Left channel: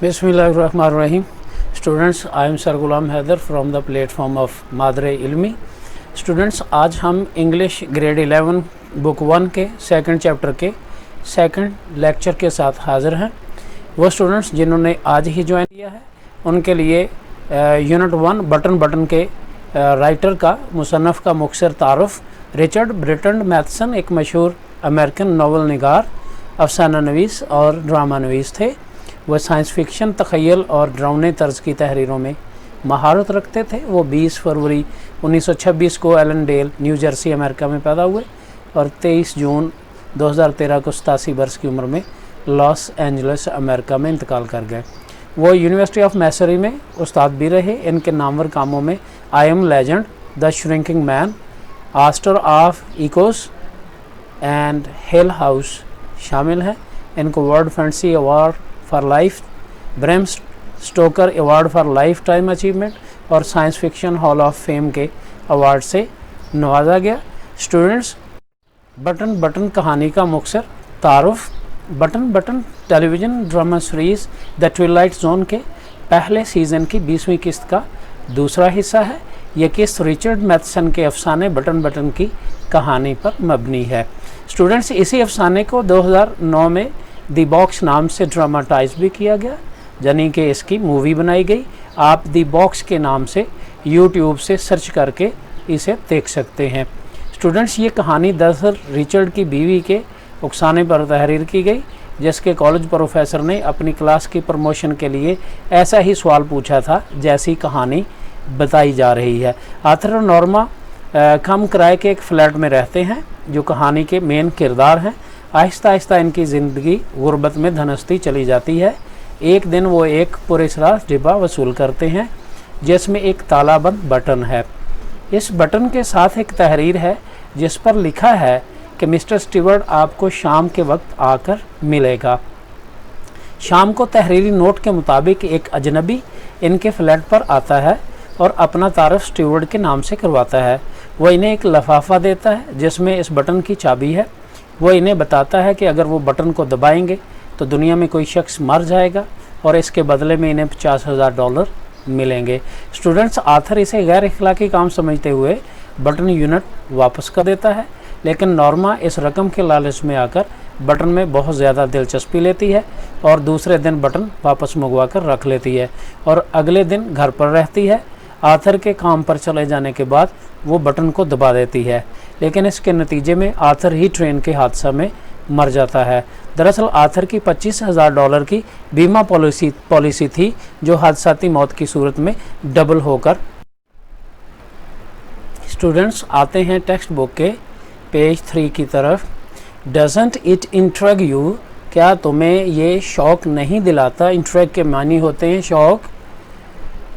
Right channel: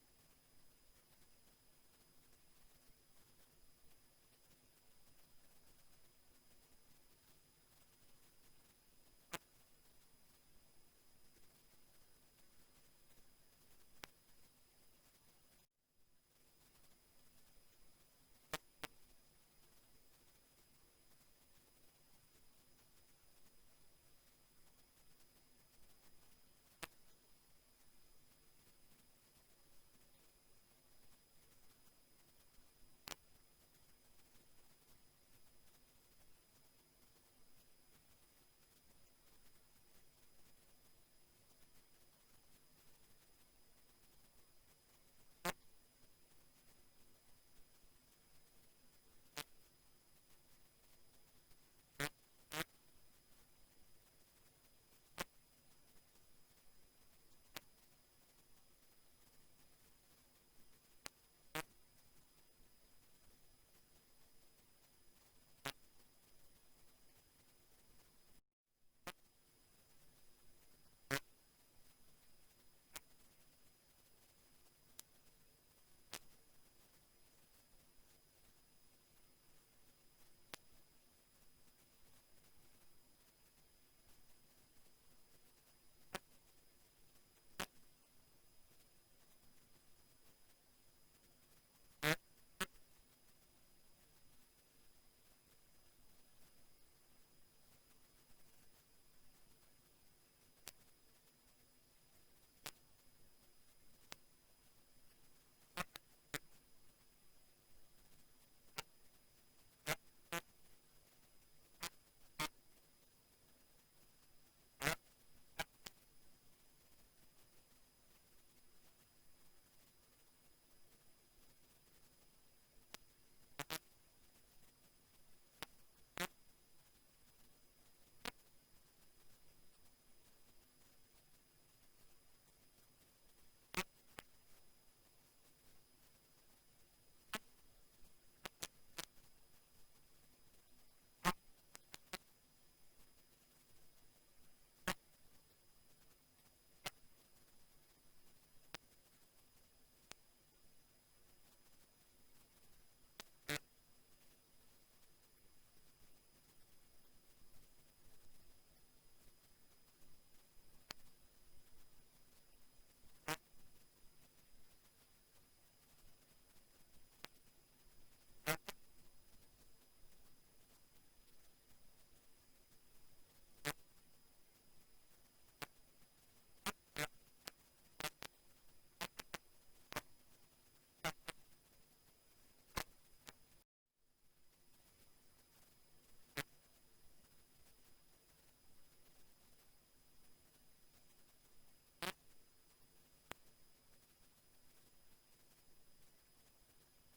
Bismillahirrahmanirrahim. Students, I am Sir Ghulam Haider from the platform of Madre Ilmi. Students, आज हम English grade 11 book 1 के second chapter के second lecture के साथ हाज़िर हैं। वो स्टूडेंट्स जिन्होंने आज ही ज्वाइन किया है उनके लिए यूनिट 1 बटन के राइटर का मुसन्नफ़ का मुख्तसर तारुफ़ रिचर्ड ब्रिटन मैथसन एक मशहूर अमेरिकन नावल निगार, अफसाना नवीस और ड्रामा नवीस थे। वह साइंस फिक्शन, तख़य्युल और ड्रामे तर्ज़ की तहरीरों में महारत रखते थे। वो 20 फरवरी 1926 को एलनडेल, न्यू जर्सी, अमेरिका में पैदा हुए और 23 जून 2013 को 87 वर्ष की उम्र में लॉस एंजलिस, अमेरिका में इंतकाल कर गए। वो यूनिवर्सिटी ऑफ मैसरी में उस्ताद भी रहे। इनके नामवर कामों में I am legend, the shrinking man, a stir of echoes and hell house शामिल हैं। इनको world fantasy award for life, Bram Stoker award for lifetime achievement और science fiction hall of fame के अवार्ड से नवाजा गया। स्टूडेंट्स, बटन कहानी का मुख्तसर तारुफ़। Button television drama series the twilight zone के पहले सीज़न की 20वीं किस्त का दूसरा हिस्सा है। यह किस्त रिचर्ड मैथसन के अफसाने बटन की कहानी पर मबनी है। स्टूडेंट्स, इसी अफसाने को 2009 में दी बॉक्स नाम से ड्रामाटाइज भी किया गया, यानी कि इसकी मूवी बनाई गई। आप दी बॉक्स के नाम से यूट्यूब से सर्च करके इसे देख सकते हैं। स्टूडेंट्स, ये कहानी दरअसल रिचर्ड की बीवी के उकसाने पर तहरीर की गई, जिसके कॉलेज प्रोफेसर ने अपनी क्लास की प्रमोशन के लिए ऐसा ही सवाल पूछा था जैसी कहानी बताई जा रही है। आर्थर और नॉर्मा कम किराए के एक फ्लैट में रहते हैं जो कहानी के मेन किरदार हैं। आहिस्ता आहिस्ता इनकी ज़िंदगी गुर्बत में धनस्ती चली जाती है। एक दिन वो एक पुरस्रार डिब्बा वसूल करते हैं जिसमें एक तालाबंद बटन है। इस बटन के साथ एक तहरीर है जिस पर लिखा है कि मिस्टर स्टीवर्ट आपको शाम के वक्त आकर मिलेगा। शाम को तहरीरी नोट के मुताबिक एक अजनबी इनके फ्लैट पर आता है और अपना तारुफ स्टीवर्ट के नाम से करवाता है। वह इन्हें एक लिफाफा देता है जिसमें इस बटन की चाबी है। वो इन्हें बताता है कि अगर वो बटन को दबाएंगे तो दुनिया में कोई शख्स मर जाएगा और इसके बदले में इन्हें $50,000 मिलेंगे। स्टूडेंट्स, आर्थर इसे गैर इखलाकी काम समझते हुए बटन यूनिट वापस कर देता है, लेकिन नॉर्मा इस रकम के लालच में आकर बटन में बहुत ज़्यादा दिलचस्पी लेती है और दूसरे दिन बटन वापस मंगवा कर रख लेती है और अगले दिन घर पर रहती है। आर्थर के काम पर चले जाने के बाद वो बटन को दबा देती है, लेकिन इसके नतीजे में आर्थर ही ट्रेन के हादसा में मर जाता है। दरअसल आर्थर की $25,000 की बीमा पॉलिसी थी जो हादसाती मौत की सूरत में डबल होकर। स्टूडेंट्स, आते हैं टेक्स्ट बुक के पेज 3 की तरफ। डजंट इट इंट्रिग यू, क्या तुम्हें ये शौक़ नहीं दिलाता? इंट्रिग के मानी होते हैं शौक़,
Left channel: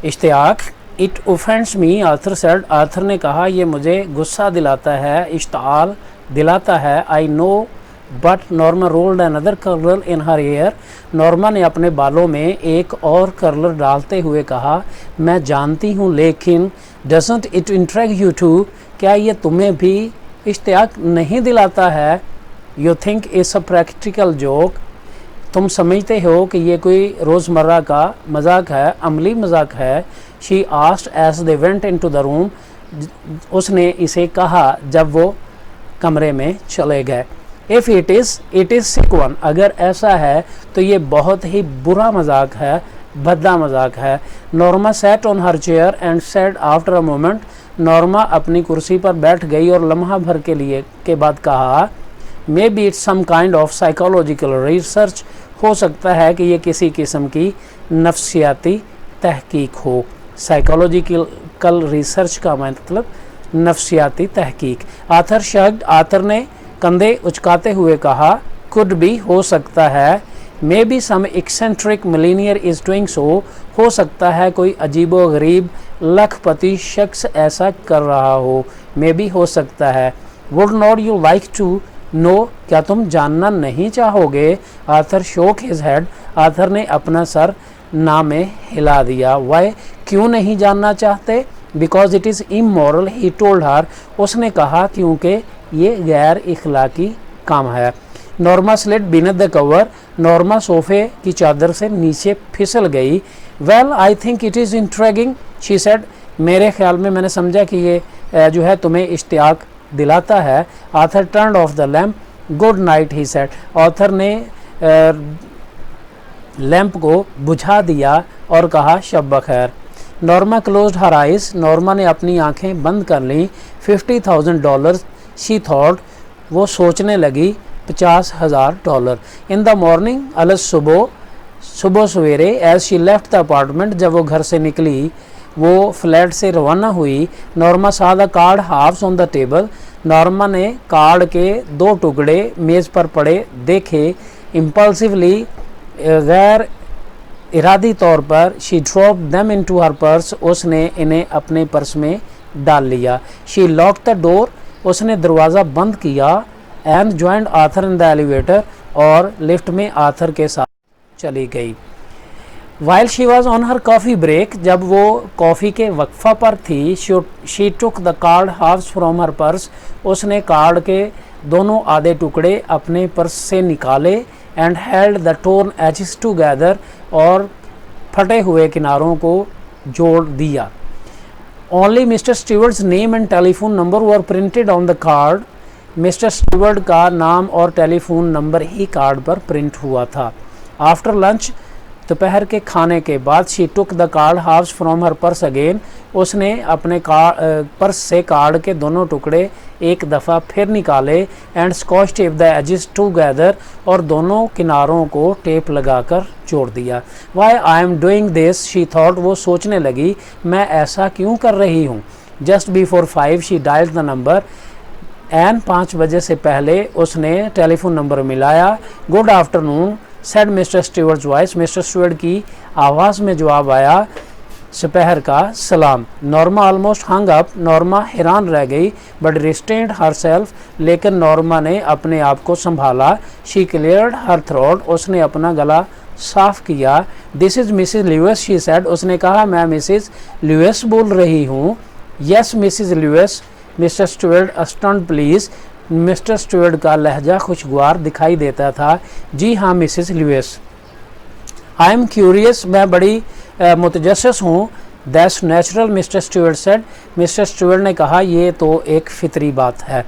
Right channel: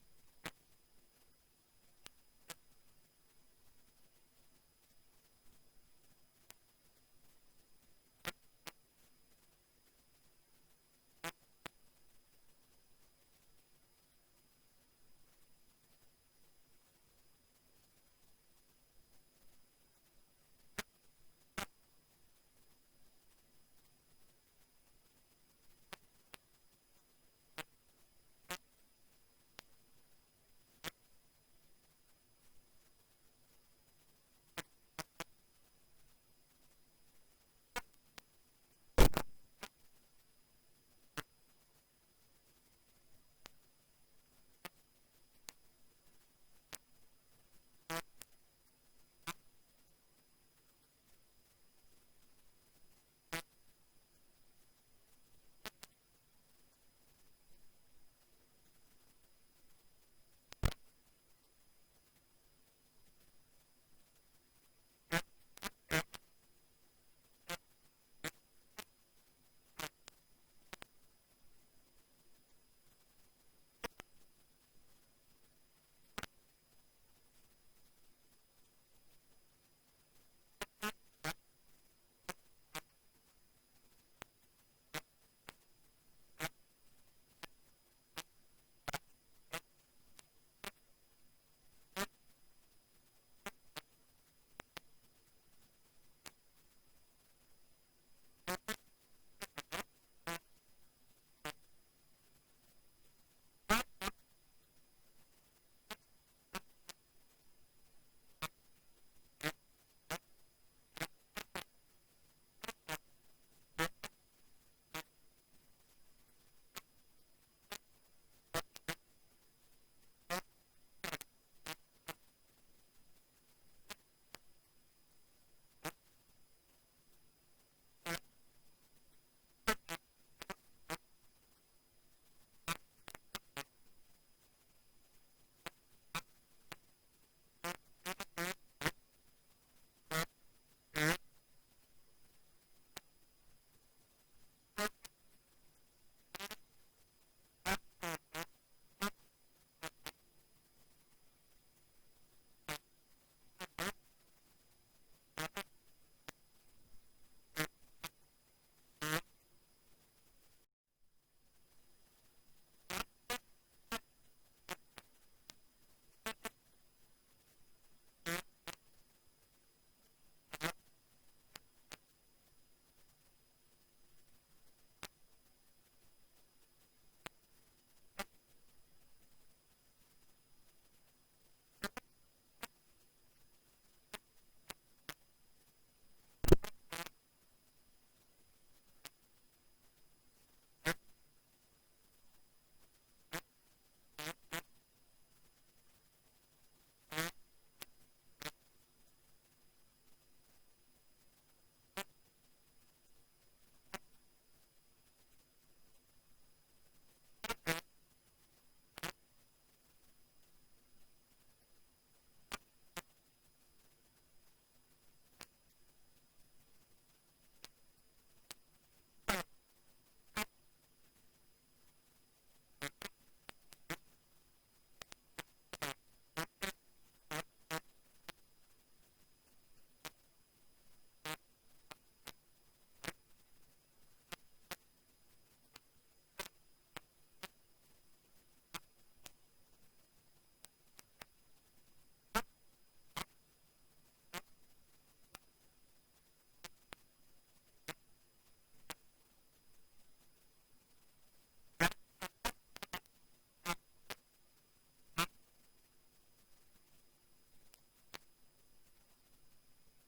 इश्तियाक। It offends me, Arthur said, Arthur ने कहा ये मुझे गुस्सा दिलाता है, इश्ताल दिलाता है। I know but Norma rolled another curler in her hair, Norma ने अपने बालों में एक और कर्लर डालते हुए कहा मैं जानती हूँ, लेकिन doesn't it intrigue you too, क्या ये तुम्हें भी इश्तियाक नहीं दिलाता है? You think it's a practical joke, तुम समझते हो कि ये कोई रोज़मर्रा का मजाक है, अमली मजाक है। She asked as they went into the room, उसने इसे कहा जब वो कमरे में चले गए। If it is sick one, अगर ऐसा है तो ये बहुत ही बुरा मजाक है, भद्दा मजाक है। Norma sat on her chair and said after a moment, Norma अपनी कुर्सी पर बैठ गई और लम्हा भर के बाद कहा maybe it's some kind of psychological research, हो सकता है कि ये किसी किस्म की नफ्सियाती तहकीक हो। साइकोलॉजिकल रिसर्च का मतलब नफ्सियाती तहकीक। आर्थर शग्ड, आर्थर ने कंधे उचकाते हुए कहा कुड बी, हो सकता है। Maybe some eccentric millionaire is doing so, हो सकता है कोई अजीबो गरीब लखपति शख्स ऐसा कर रहा हो। मे बी, हो सकता है। Would not you like to know, क्या तुम जानना नहीं चाहोगे? आर्थर शोक हिज हेड, आर्थर ने अपना सर ना में हिला दिया। वाई, क्यों नहीं जानना चाहते? Because it is immoral, he told her, उसने कहा क्योंकि ये गैर इखलाकी काम है। Norma slid beneath the cover, Norma सोफे की चादर से नीचे फिसल गई। Well I think it is intriguing she said, मेरे ख्याल में मैंने समझा कि ये जो है तुम्हें इश्तियाक दिलाता है। Author turn off the lamp, good night he said, author ने लैंप को बुझा दिया और कहा शब बखैर। Norma closed her eyes, Norma ने अपनी आंखें बंद कर लीं। $50,000 शी थॉट, वो सोचने लगी $50,000। इन द मॉर्निंग, अलग सुबह सवेरे, as she left the apartment, जब वो घर से निकली, वो फ्लैट से रवाना हुई। Norma saw the card halves on the table, Norma ने कार्ड के 2 टुकड़े मेज़ पर पड़े देखे। इम्पल्सिवली, गैर इरादी तौर पर, she drop them into her purse, उसने इन्हें अपने पर्स में डाल लिया। शी लॉक द डोर, उसने दरवाज़ा बंद किया। And joined Arthur in the elevator, और लिफ्ट में आथर के साथ चली गई। While she was on her coffee break, जब वो कॉफ़ी के वक्फा पर थी, she took the card halves from her purse, उसने कार्ड के दोनों आधे टुकड़े अपने पर्स से निकाले। And held the torn edges together, और फटे हुए किनारों को जोड़ दिया। Only mister Steward's name and telephone number were printed on the card, mister Steward का नाम और टेलीफोन नंबर ही कार्ड पर प्रिंट हुआ था। आफ्टर लंच, दोपहर के खाने के बाद, she took the card halves from her purse again, उसने अपने पर्स से कार्ड के दोनों टुकड़े एक दफ़ा फिर निकाले। And scotch tape the edges together, और दोनों किनारों को टेप लगाकर जोड़ दिया। Why I am doing this she thought, वो सोचने लगी मैं ऐसा क्यों कर रही हूँ। Just before 5 she dialled the number, and 5 बजे से पहले उसने टेलीफोन नंबर मिलाया। Good afternoon said mister Steward's voice, mister Steward की आवाज़ में जवाब आया दोपहर का सलाम। Norma almost hung up, Norma हैरान रह गई। बट रिस्टेंड हर सेल्फ, लेकिन नॉर्मा ने अपने आप को संभाला। शी क्लियर्ड हर थ्रोट, उसने अपना गला साफ किया। This is Mrs Lewis she said, उसने कहा मैं मिसिज ल्यूइस बोल रही हूँ। Yes Mrs Lewis, Mr Steward sounded pleased, Mr Steward का लहजा खुशगवार दिखाई देता था। जी हाँ Mrs Lewis. I am curious, मैं बड़ी मुतजस्सिस हूँ। That's natural Mr Steward said, mister Steward ने कहा ये तो एक फितरी बात है।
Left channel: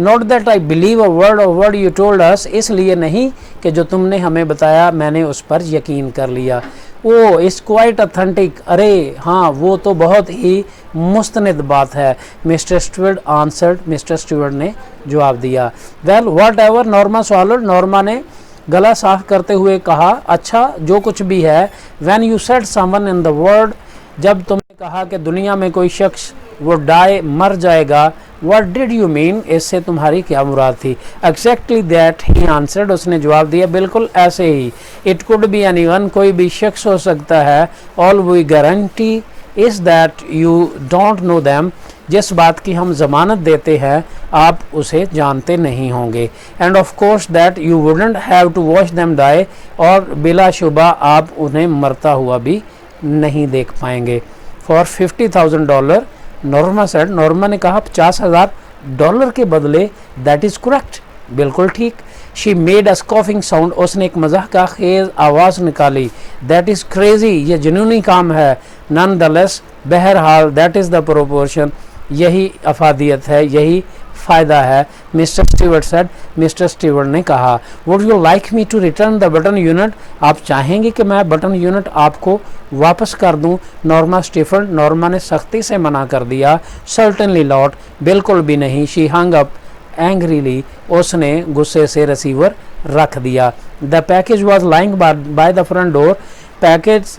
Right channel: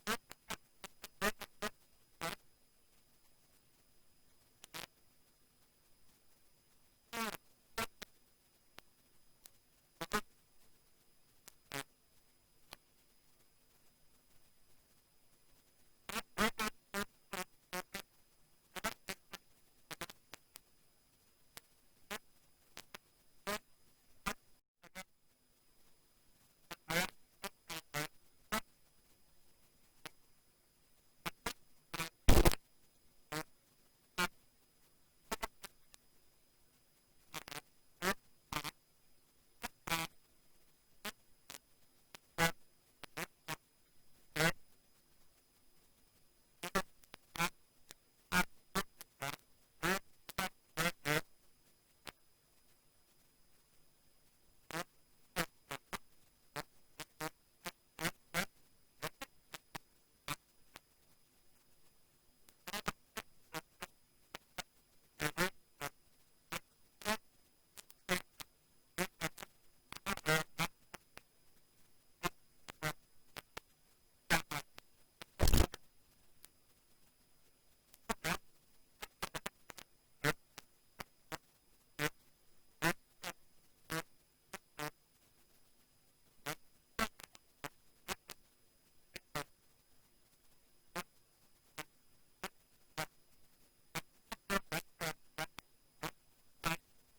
Not that I believe a word you told us, इसलिए नहीं कि जो तुमने हमें बताया मैंने उस पर यकीन कर लिया। ओ इट्स क्वाइट ऑथेंटिक, अरे हाँ वो तो बहुत ही मुस्तनद बात है। Mister steward answered, mister Steward ने जवाब दिया। Well what ever, Norma swallowed, Norma ने गला साफ करते हुए कहा अच्छा जो कुछ भी है। When you said someone in the world, जब तुमने कहा कि दुनिया में कोई शख्स वो डाई मर जाएगा, व्हाट डिड यू मीन, इससे तुम्हारी क्या मुराद थी। एग्जैक्टली दैट ही आंसर्ड, उसने जवाब दिया बिल्कुल ऐसे ही। इट कुड बी एनीवन, कोई भी शख्स हो सकता है। All we guarantee is that you don't know them, जिस बात की हम ज़मानत देते हैं आप उसे जानते नहीं होंगे। And of course that you wouldn't have to watch them die, और बिलाशुबा आप उन्हें मरता हुआ भी नहीं देख पाएंगे। फॉर $50,000, नॉर्मा सेड, नॉर्मा ने कहा $50,000 के बदले। दैट इज़ करेक्ट, बिल्कुल ठीक। शी मेड अ स्कॉफिंग साउंड, उसने एक मजाक का खेज आवाज़ निकाली। दैट इज़ क्रेजी, ये जुनूनी काम है। नन द लेस, बहरहाल दैट इज़ द प्रोपोर्शन, यही अफादियत है, यही फ़ायदा है। Mister Steward said, mister Steward ने कहा। Would you like me to return the button unit, आप चाहेंगे कि मैं बटन यूनिट आपको वापस कर दूं। नॉर्मा स्टीफर्ड, नॉर्मा ने सख्ती से मना कर दिया। सर्टनली नॉट, बिल्कुल भी नहीं। शी हंग अप एंग्रीली, उसने गुस्से से रिसीवर रख दिया। The package was lying by the front door, package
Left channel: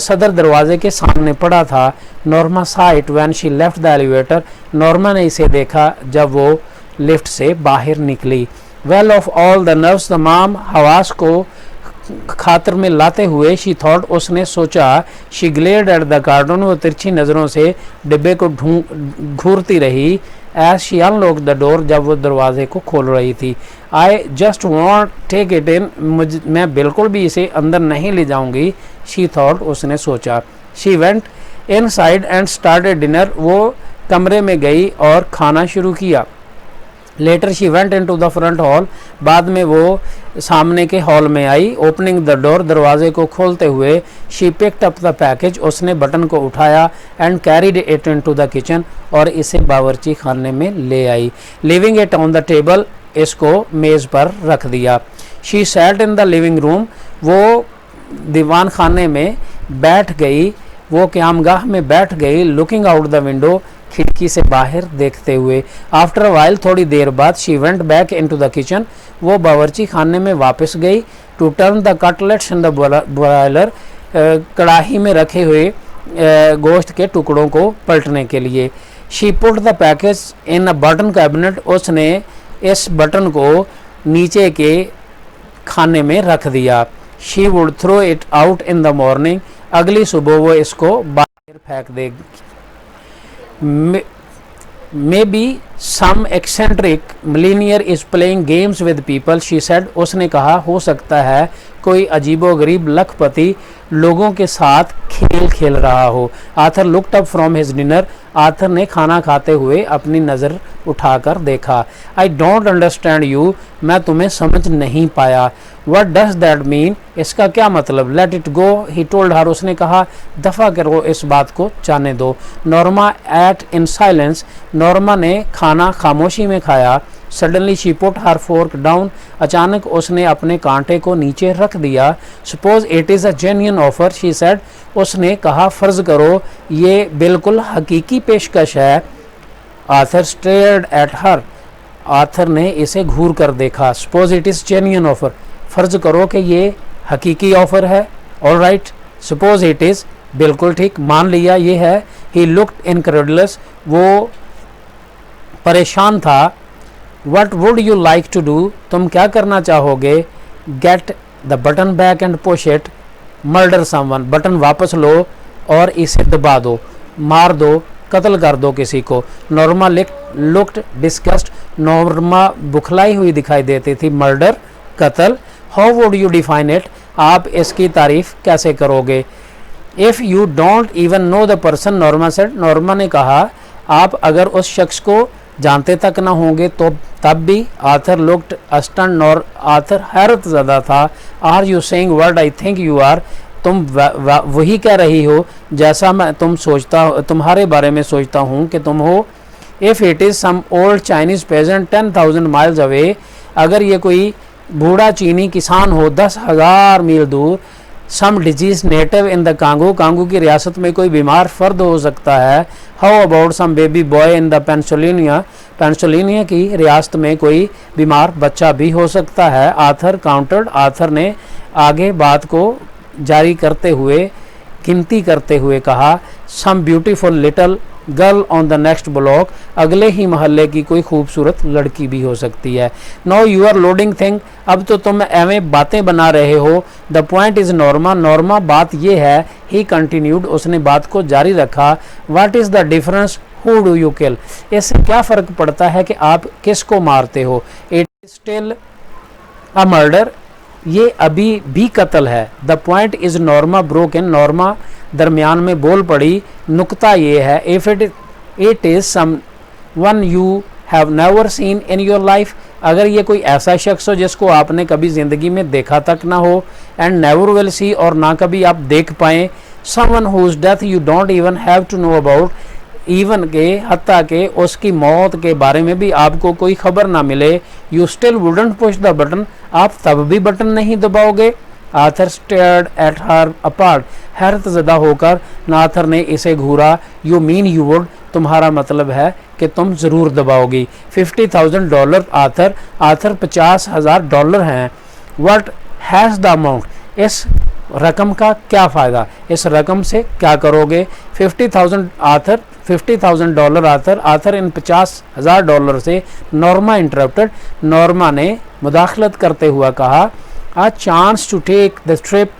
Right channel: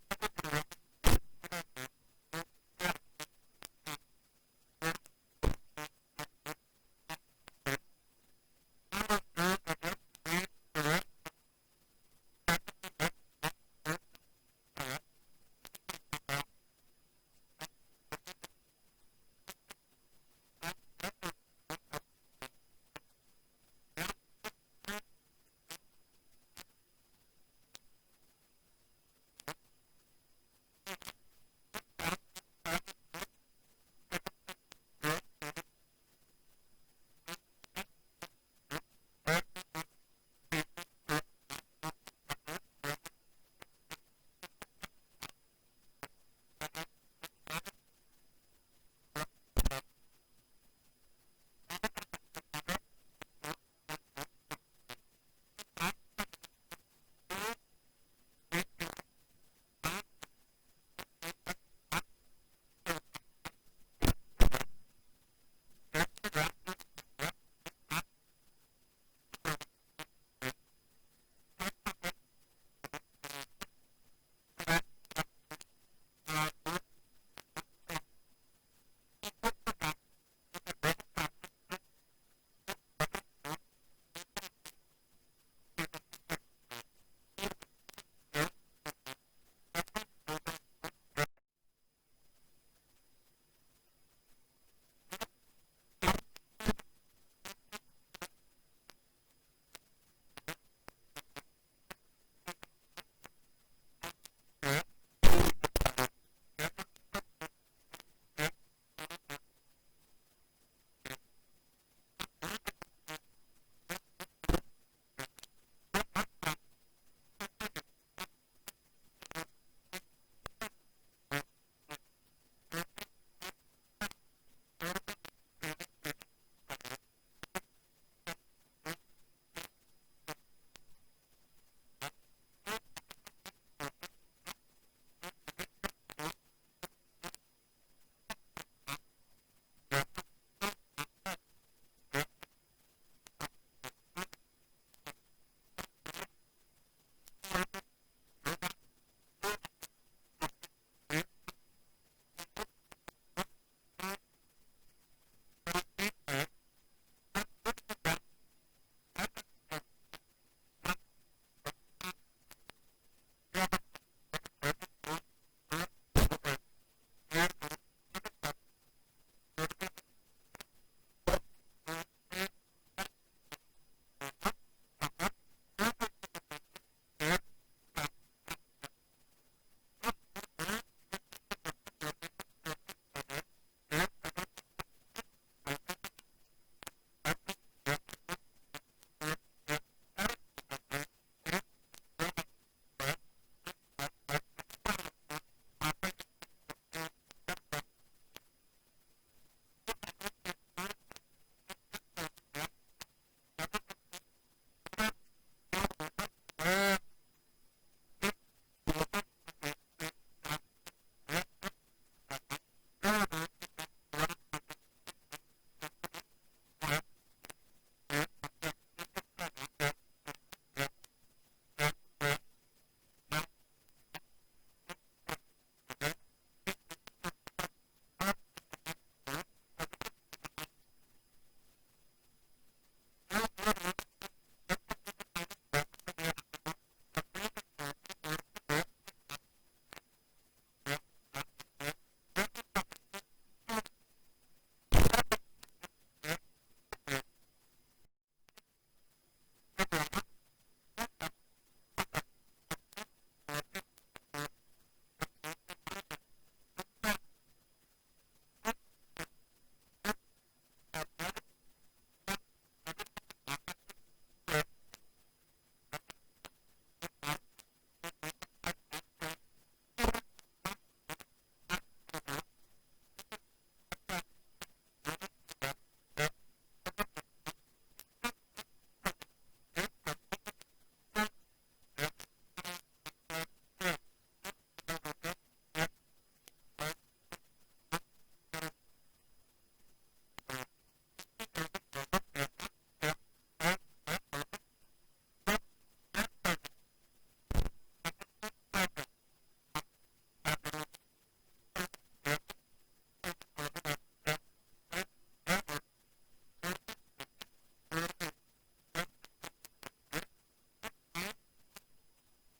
सदर दरवाजे के सामने पड़ा था। नॉर्मा सा it when she left the elevator, Norma ने इसे देखा जब वो लिफ्ट से बाहर निकली। Well of all the nerves तमाम हवास को खातर में लाते हुए, शी थॉट, उसने सोचा। She glared at the carton, वो तिरछी नज़रों से डिब्बे को घूरती रही। As she unlock the door, जब वो दरवाजे को खोल रही थी। I just won't take it in, मैं बिल्कुल भी इसे अंदर नहीं ले जाऊंगी। शी थॉट, उसने सोचा। She went inside and started dinner, वो कमरे में गई और खाना शुरू किया। Later she went into the front hall, बाद में वो सामने के हॉल में आई। ओपनिंग द डोर, दरवाजे को खोलते हुए, she picked up the package, उसने बटन को उठाया, and carried it into the kitchen, और इसे बावर्ची खाने में ले आई। Leaving it on the table, इसको मेज़ पर रख दिया। She sat in the living room, वो दीवान खाने में बैठ गई, वो क़यामगाह में बैठ गई। लुकिंग आउट द विंडो, खिड़की से बाहर देखते हुए। आफ्टर वाइल, थोड़ी देर बाद, she went back into the kitchen, वो बावर्ची खाने में वापस गई। To turn the cutlets in the broiler, कड़ाही में रखे हुए गोश्त के टुकड़ों को पलटने के लिए। She put the package in a button cabinet, उसने इस बटन को नीचे के खाने में रख दिया। She would throw it out in the morning, अगली सुबह वो इसको बाहर फेंक देगी। Maybe some eccentric millionaire is playing games with people, she said. उसने कहा हो सकता है कोई अजीबोगरीब लखपति लोगों के साथ खेल खेल रहा हो। Arthur looked up from his dinner, Arthur ने खाना खाते हुए अपनी नज़र उठाकर देखा। आई डोंट अंडरस्टैंड यू, मैं तुम्हें समझ नहीं पाया। व्हाट डज दैट मीन, इसका क्या मतलब। Let it go, he told her, उसने कहा दफ़ा करो, इस बात को जाने दो। Norma ate in silence, Norma ने खाना खामोशी में खाया। Suddenly she put her fork down, अचानक उसने अपने कांटे को नीचे रख दिया। Suppose it is a genuine offer, she said, उसने कहा फ़र्ज़ करो ये बिल्कुल हकीकी पेशकश है। Arthur stared at her, Arthur ने इसे घूर कर देखा। Suppose it is genuine offer, फ़र्ज़ करो कि ये हकीकी ऑफ़र है। All right, suppose it is, बिल्कुल ठीक, मान लिया ये है। ही लुक्ड इनक्रेडुलस, वो परेशान था। What would you like to do, तुम क्या करना चाहोगे। Get the button back and push it, murder someone, button वापस लो और इसे दबा दो, मार दो, कत्ल कर दो किसी को। नॉर्मा लुक्ड डिस्गस्ट, नॉर्मा बुखलाई हुई दिखाई देती थी। मर्डर, कत्ल। How would you define it, आप इसकी तारीफ कैसे करोगे। If you don't even know the person, Norma said, Norma ने कहा आप अगर उस शख्स को जानते तक ना होंगे तो तब भी। आर्थर लुक्ड अस्टन, आर्थर हैरत ज़दा था। Are you saying what I think you are, तुम वही कह रही हो जैसा मैं तुम्हारे बारे में सोचता हूँ कि तुम हो। If it is some old Chinese peasant 10,000 miles away, अगर ये कोई बूढ़ा चीनी किसान हो 10,000 मील दूर। Some disease native in the Congo, Congo की रियासत में कोई बीमार फर्द हो सकता है। How about some baby boy in the Pennsylvania, Pennsylvania की रियासत में कोई बीमार बच्चा भी हो सकता है। आर्थर काउंटर्ड, आर्थर ने आगे बात को जारी करते हुए, गिनती करते हुए कहा। Some beautiful little girl on the next block, अगले ही महल्ले की कोई खूबसूरत लड़की भी हो सकती है। Now you are loading thing, अब तो तुम एवं बातें बना रहे हो। The point is Norma, Norma बात ये है। ही कंटिन्यूड, उसने बात को जारी रखा। What is the difference, who do you kill, इससे क्या फ़र्क पड़ता है कि आप किसको मारते हो। It is still a murder, ये अभी भी कत्ल है। The point is Norma broken, Norma दरमियान में बोल पड़ी। नुक्ता ये है, if it is someone you have never seen in your life, अगर ये कोई ऐसा शख्स हो जिसको आपने कभी ज़िंदगी में देखा तक ना हो। एंड नेवर विल सी, और ना कभी आप देख पाएँ। Someone whose death you don't even have to know about, इवन के हत्ता के उसकी मौत के बारे में भी आपको कोई खबर ना मिले। You still wouldn't push the button, आप तब भी बटन नहीं दबाओगे। Arthur stared at her apart, हैरत ज़दा होकर आर्थर ने इसे घूरा। यू मीन यू वुड, तुम्हारा मतलब है कि तुम ज़रूर दबाओगी। $50,000 आर्थर, आर्थर $50,000 हैं। व्हाट हैज़ द अमाउंट, इस रकम का क्या फ़ायदा, इस रकम से क्या करोगे। 50,000 आर्थर, $50,000 आर्थर, आर्थर इन $50,000 से। नॉर्मा इंटरप्टेड, नॉर्मा ने मुदाखलत करते हुआ कहा। A chance to take the trip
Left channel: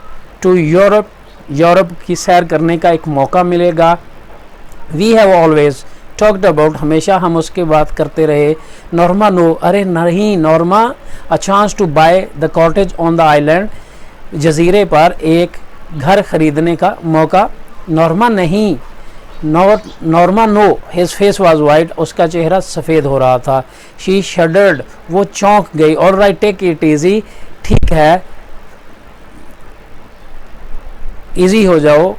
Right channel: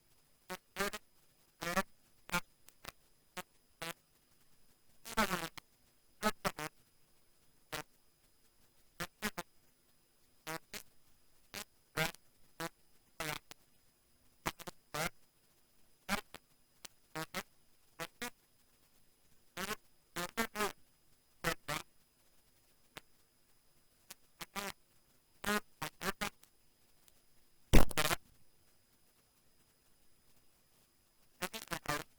to Europe, Europe की सैर करने का एक मौका मिलेगा। We have always talked about, हमेशा हम उसके बात करते रहे। नॉर्मा नो, अरे नहीं Norma. A chance to buy the cottage on the island, जजीरे पर एक घर खरीदने का मौका। नॉर्मा नहीं, Norma no his face was white, उसका चेहरा सफ़ेद हो रहा था। शी शडर्ड, वो चौंक गई। All right take it easy, ठीक है इजी हो जाओ।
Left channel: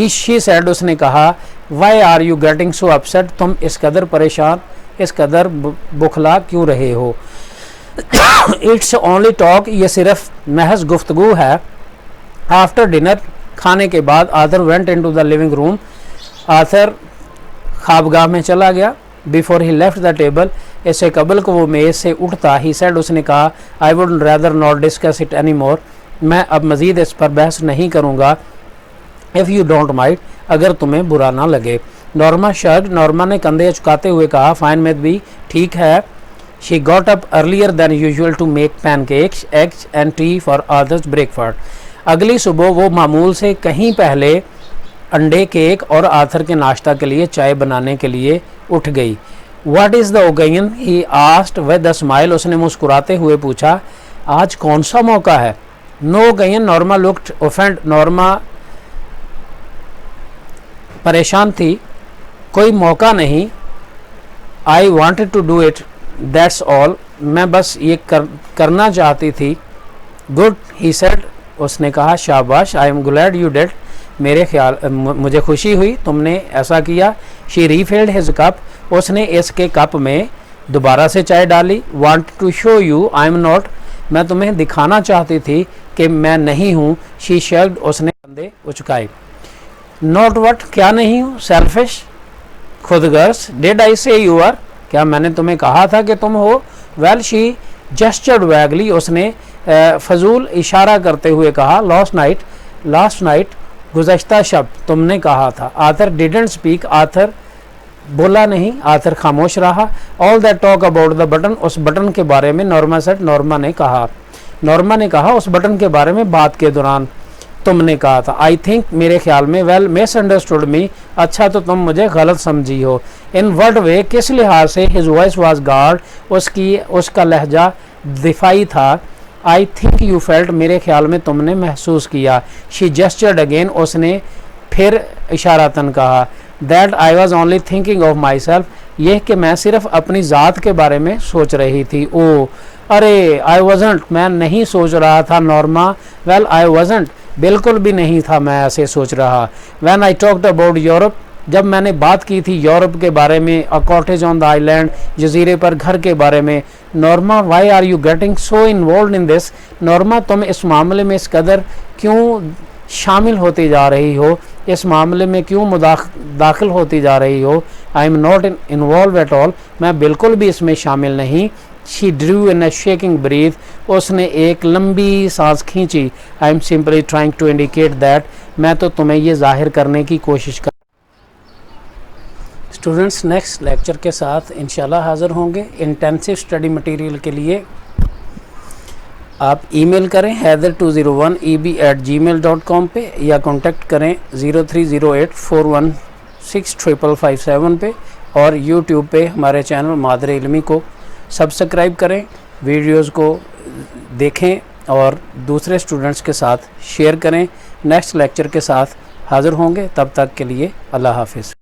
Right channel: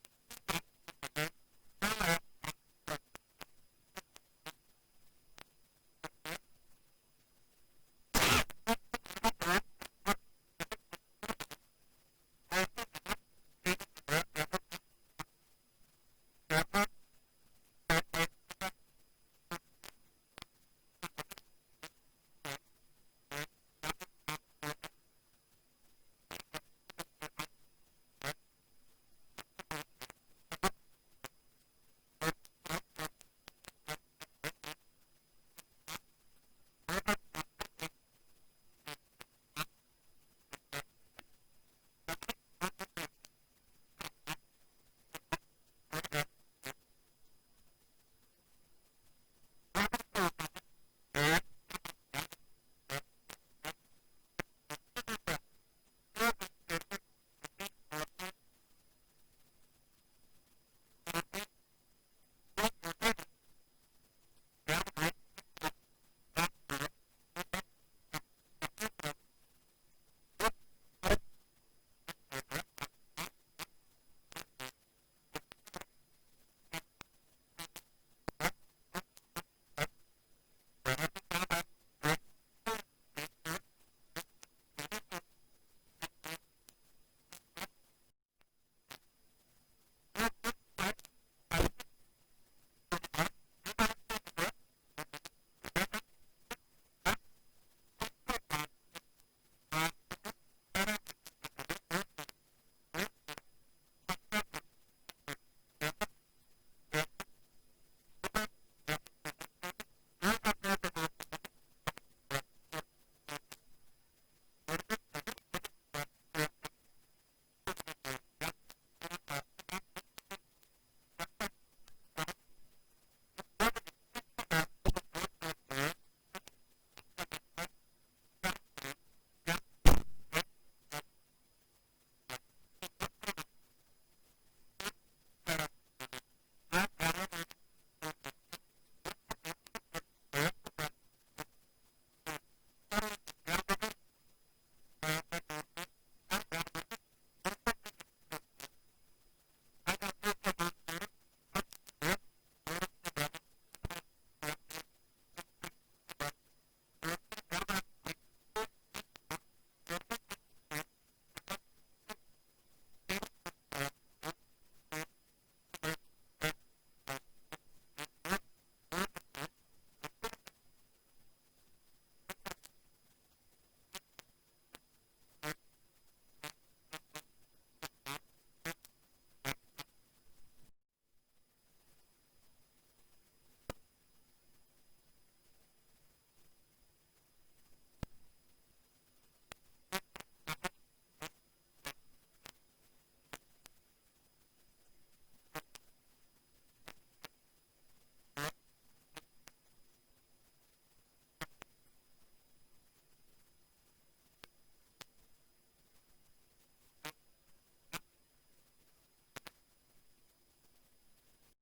शी सेड, उसने कहा। Why are you getting so upset, तुम इस कदर परेशान, इस कदर बुखला क्यों रहे हो। इट्स ओनली टॉक, ये सिर्फ महज गुफ्तगू है। आफ्टर डिनर, खाने के बाद, Arthur went into the living room, Arthur ख्वाबगाह में चला गया। Before he left the table, इससे कबल को वो मेज से उठता, ही सेड, उसने कहा, I would rather not discuss it any more, मैं अब मज़ीद इस पर बहस नहीं करूँगा। इफ़ यू डोंट माइंड, अगर तुम्हें बुरा ना लगे। नॉर्मा शर्ट, नॉर्मा ने कंधे चुकाते हुए कहा, फाइन में भी ठीक है। She got up earlier than usual to make pancakes, eggs and tea for Arthur's breakfast. अगली सुबह वो मामूल से कहीं पहले अंडे, केक और आर्थर के नाश्ता के लिए चाय बनाने के लिए उठ गई। What is the occasion, he asked with a smile, उसने मुस्कुराते हुए पूछा, आज कौन सा मौका है। No occasion, Norma looked offended, नॉर्मा परेशान थी। कोई मौका नहीं। I wanted to do it, that's all, मैं बस ये करना चाहती थी। गुड, ही सेड, उसने कहा, शाबाश। I am glad you did, मुझे खुशी हुई तुमने ऐसा किया। शी रीफिल्ड हिज कप, उसने इसके कप में दोबारा से चाय डाली। Want to show you I am not, मैं तुम्हें दिखाना चाहती थी कि मैं नहीं हूँ। शी शर्ट, उसने कंधे उचकाए। नॉट वट, क्या नहीं हूँ। Selfish, Khudgarz. डिड आई से यू आर, क्या मैंने तुम्हें कहा था कि तुम हो। वेल, शी जेस्चर्ड वैगली, उसने फजूल इशारा करते हुए कहा। लास्ट नाइट, गुज़श्ता शब तुमने कहा था। आर्थर डिडंट स्पीक, आर्थर बोला नहीं, आर्थर खामोश रहा। All that talk about the button, उस बटन के बारे में, नॉर्मा सेड, नॉर्मा ने कहा उस बटन के बारे में बात के दौरान तुमने कहा था। आई थिंक, मेरे ख्याल में। वेल, मिस अंडरस्टूड मी, अच्छा तो तुम मुझे गलत समझी हो। इन व्हाट वे, किस लिहाज से। हिज वॉइस वाज गार्ड, उसका लहजा दिफाई था। आई थिंक यू फेल्ट, मेरे ख्याल में तुमने महसूस किया। शी जेस्चर्ड अगेन, उसने फिर इशारतन कहा। That I was only thinking of my self, यह कि मैं सिर्फ अपनी ज़ात के बारे में सोच रही थी। ओ अरे, आई वॉजंट, मैं नहीं सोच रहा था। नॉर्मा, वेल आई वॉजंट, बिल्कुल भी नहीं था मैं ऐसे सोच रहा। When I talked about Europe, जब मैंने बात की थी यूरोप के बारे में, a cottage on the island, जजीरे पर घर के बारे में। Norma, why are you getting so involve in this, Norma तुम इस मामले में इस कदर क्यों शामिल होती जा रही हो, इस मामले में क्यों दाखिल होती जा रही हो। I am not involve at all, मैं बिल्कुल भी इसमें शामिल नहीं। She drew in a shaking breath, उसने एक लंबी सांस खींची। I am simply trying to indicate that, मैं तो तुम्हें ये जाहिर करने की कोशिश कर। स्टूडेंट्स, नेक्स्ट लेक्चर के साथ इंशाल्लाह हाज़िर होंगे। इंटेंसिव स्टडी मटेरियल के लिए आप ईमेल करें हैदर201eb@gmail.com पे, या कांटेक्ट करें 0308416557 पे, और यूट्यूब पे हमारे चैनल मादरे इल्मी को सब्सक्राइब करें, वीडियोस को देखें और दूसरे स्टूडेंट्स के साथ शेयर करें। नेक्स्ट लेक्चर के साथ हाज़िर होंगे, तब तक के लिए अल्लाह हाफिज़।